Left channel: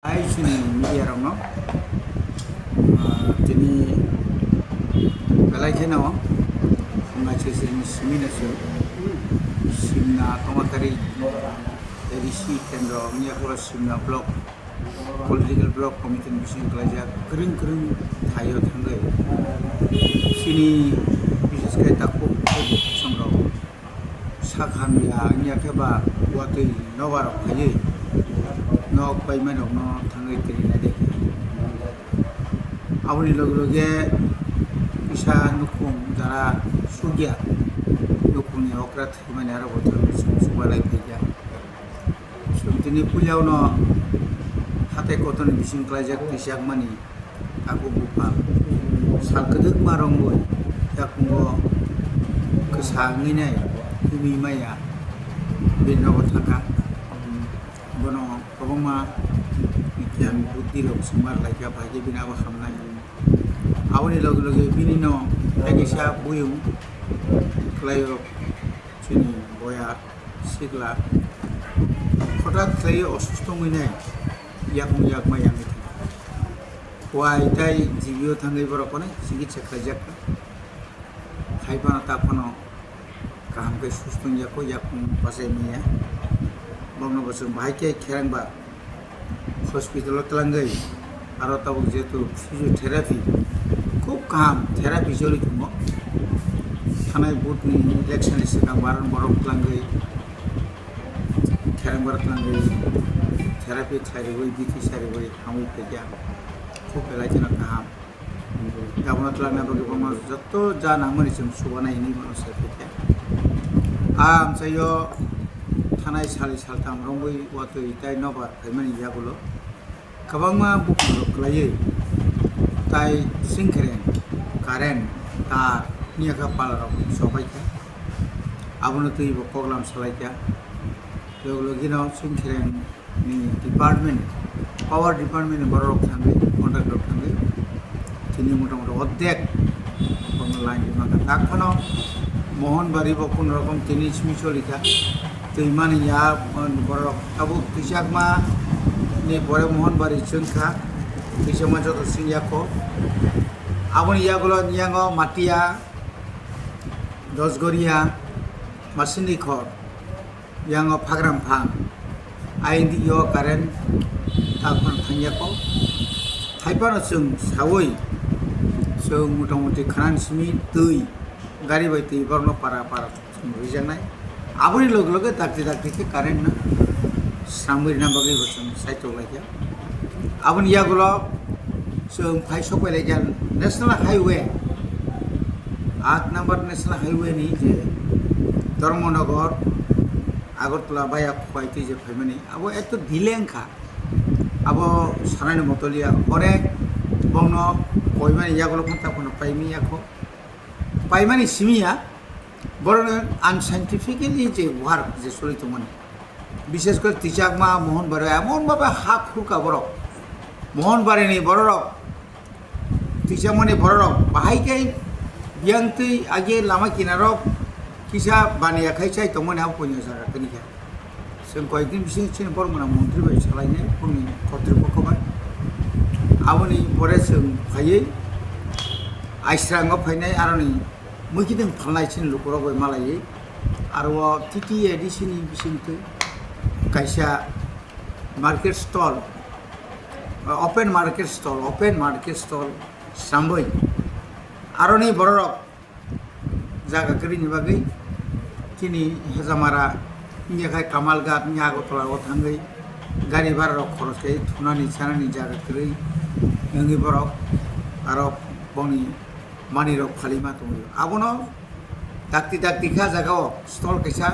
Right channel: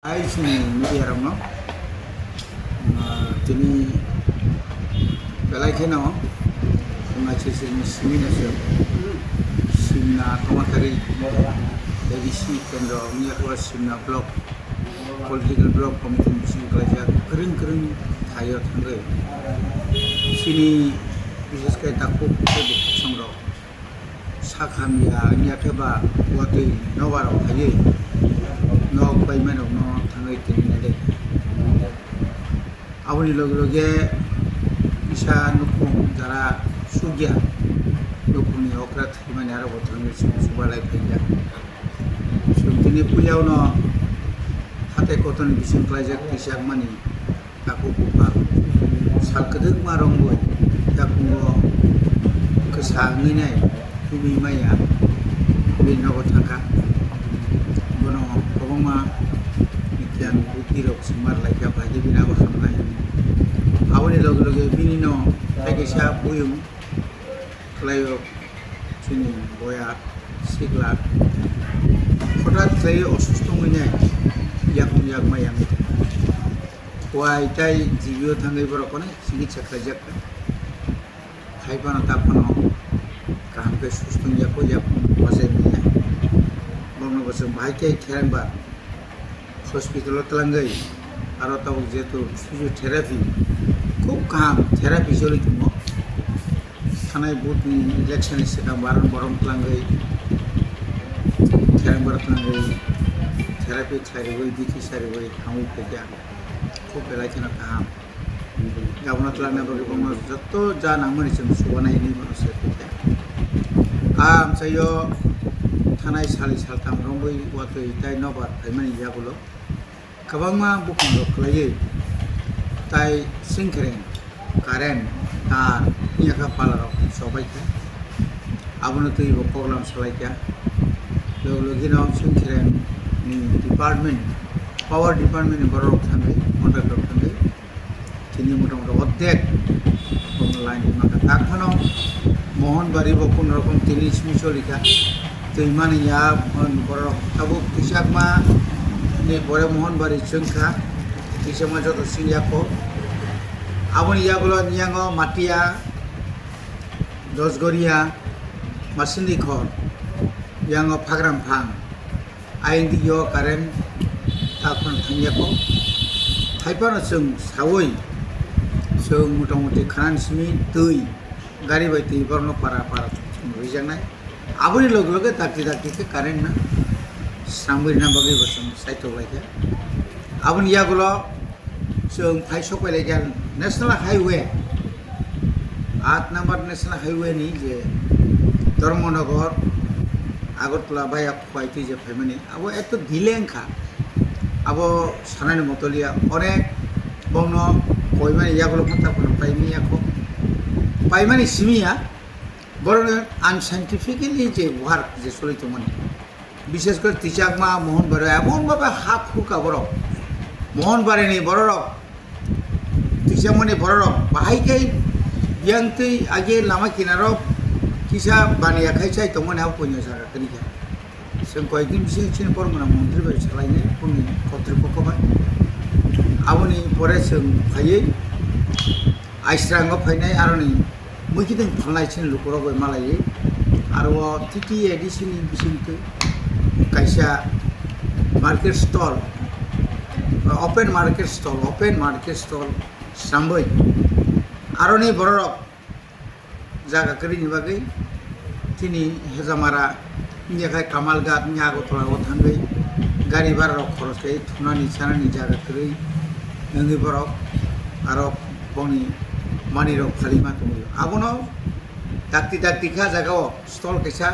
Hai sini media rong no, jadi belai kena, macam sini sini nasi, simna kamatari, edisi kendor ni aku simna blog, political blog komite bising kerja kering thayo tanggai, sini bisnis kerja takut kerja sangrau, sakhamia ni apa buatui nawarau thayo. Nok payment of no thangai terinade awani loge isa nukum jara sugya nukuni okrat himani ara botan subalai peja sumtini pulyau no hate koton bising klajak tisak mani aku buka salkedek marong boy yakungo kesangini himi maya binawa thaka bono kobongma ikian buti rok semar laika bagi bina bahamna awani loge bini no agisa buyung klayo sini boya sigla hঠাৎ saya অসুস্থ হইনে yak mayang itu wai tai jibio thangai borokone চিকিৎসা খাইজাক খাইপানা তাপনো কামকে সুস্থ ইয়াকো yak বাসে মিয়া bangno bosong bahai kai kherang ba hospital tlangai aro tabuk jetu physiotherapy khub kam therapy joli tumo thanai bot ni election seka baron borok tlangai kherang bar tlangai therapy khlai boi biki sari boi hamui peja khub belai jana kam gabona tlangna bagi bangno jotto ja nangmani sem subana ini mano se peja am sayo थानाय सालि सालथाम रंबै वातै ताइ नबार फाइमानि यागुलो kabangma bukung rok klayai tai singkeren karen tar niaka palarok sobai ka abono tui bo program salai ka logino singkeren ni department power department borok thangai contractor thangai tini motamoti অর্ধেক কোন line মাকা তাকনো Mohanbari bo কোন রকম tini smisolika tuimani ya borok tabuk tisakma ni bore mohanbari chungkha tisama joto singyako aboni yagulo niyango matia dosgoria masini khor yango phagram phang aindi yo karen takon thangyako thaipano chung sawoi chung motamoti khanan simi tui gari baiti borno para rijangnai aboni loge takti ke karen na sambil nambagi bosong saito lagi abon yagulo sung phai sopai lagi national highway 8 number national highway ni je Dharmanagar Agartala বাইয়া পাইতে যে ফাইমানি আবো এত দিলেংখা আবো সানানি মতলিয়া অনেক বংন কইমানি ইয়াগুলো কথা কোনো পাইনি ইয়াকো পাইমানি সিমিয়া বড় আনসাইন্টিফিক্যালি যে ওয়ার্ক যে চলিত মানে বিশেষ করে তিচাকমা মোহনবাড়ি এমনভাবে হাত ফুকা বরক মোহনবাড়িনি বড়রক তিচাকমানি বড়রক বাহাইকাই বিয়াংতৈ আগে লামা কিনারক কিসা বানিয়া খাইছাই তমন হাও পয়না সারা কনিকা जों কয়েকদিন বিশেষ পরমনা মন্ত্রী বাড়ি চালাইনে পুনি কর্তৃপক্ষবাই আবনি পরে जों ফাইयै আইস্রাঙ্গ ফাইনাই আরনি মুখিদों फाननाय सिन लुकरबाय मालायै आरो टिटि एडिसिनि बिसिंतै kaisa market stall open market stall sambai aroni borok jaga krini bagai kini hezamara nyakai kamalgat nyagotla o thangai gari bar rok khoros kai thunani chanani jaga kri ngi borok aro boni mani rok phalima tumuyo abono takti kha jagao stall kaisa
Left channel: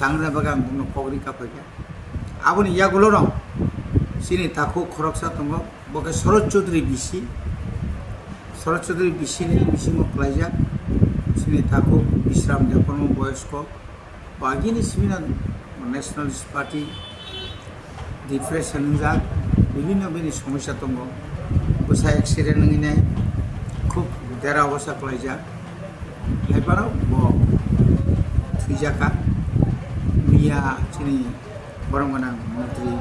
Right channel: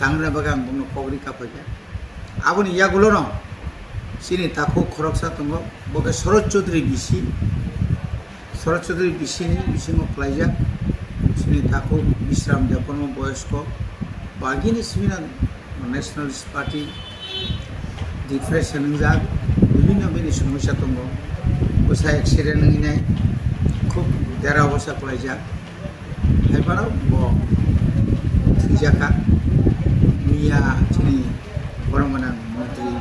tangra bagang bungno pogri kapaja aboni yagulo no sini taku khoroksa tongo boke Sorot Chaudhary ni bisingo plaija sini taku Bisram Japanmo boyosko bagini simina Nationalist Party depression jak bibhinno bini সমস্যা tongo bosa accident nginai khub dera bosa plaija haiparo bo thujaka miya sini borong manang mantri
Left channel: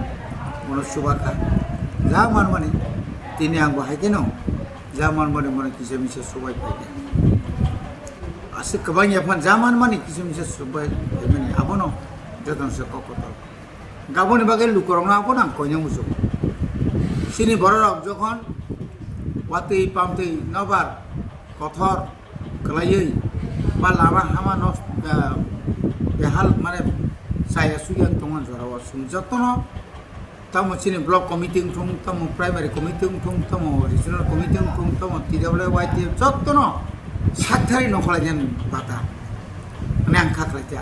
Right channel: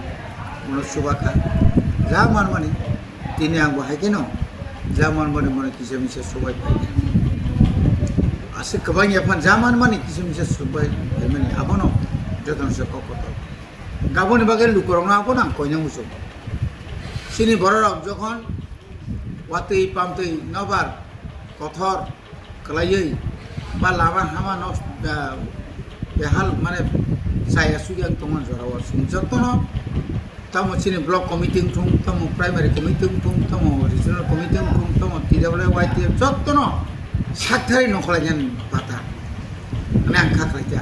mano subaka zaman mani tini ang bahai keno zaman mani mano kisa misa subai pai ase kabang yapan zaman mani kisa misa subai mani abono joton se kokoto gaboni bagai lukorong na abona konya muso sini borok jokhon watui pamtui nobar kothor kelaioi ba lama hama nos behal mane saya suyang tongan jorawa sum jotono tamo sini block committee tung tamo primary committee tung tamo regional committee tung tamo TWYT jotono sakthari nokhlajan pata ane angka khaja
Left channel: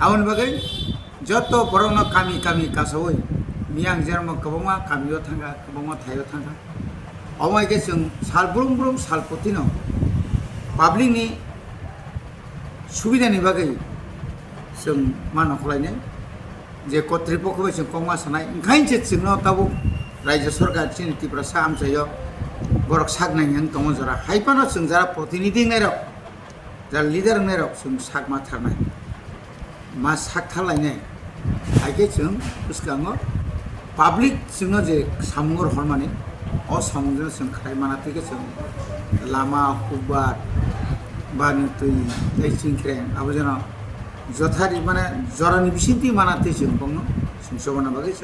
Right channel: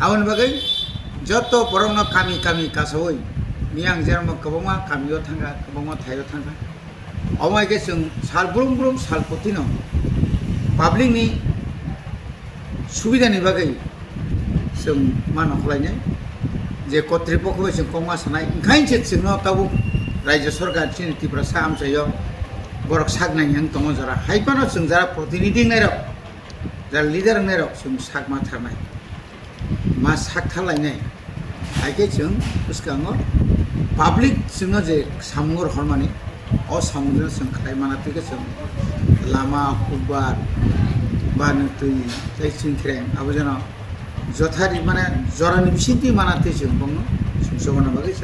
awon bagai joto borokno kami kasawoi miang jermo kabonga kamio thanga kabonga thayo thanga omai ke जों साल बुरुम साल पतिनो public नि सुबिदानि बागै जों मानो खलायनाय जे कर्तृपक्षबो जों कमा सानाय ओंखायनो जोंनो ताबो रायजो सरकार चिनि त्रिपुरा सा आमसायो बरक सागनाय हं दङ जरा हाइपानो जों जरा प्रतिनिधि नायरक जा लिडार नायरक जों सागमा थारनाय मा साग थालायनाय आइके जों उसकाङो पाब्लिक जोंनो जे सामुर हरमानि o samudra जों खाय मानातिके जों लामा हुबार बानतुई दैसिं खेरें आबो जना जथारि माने जरानि बिसिंति मानाति जों बंनो जों सबना बागै जों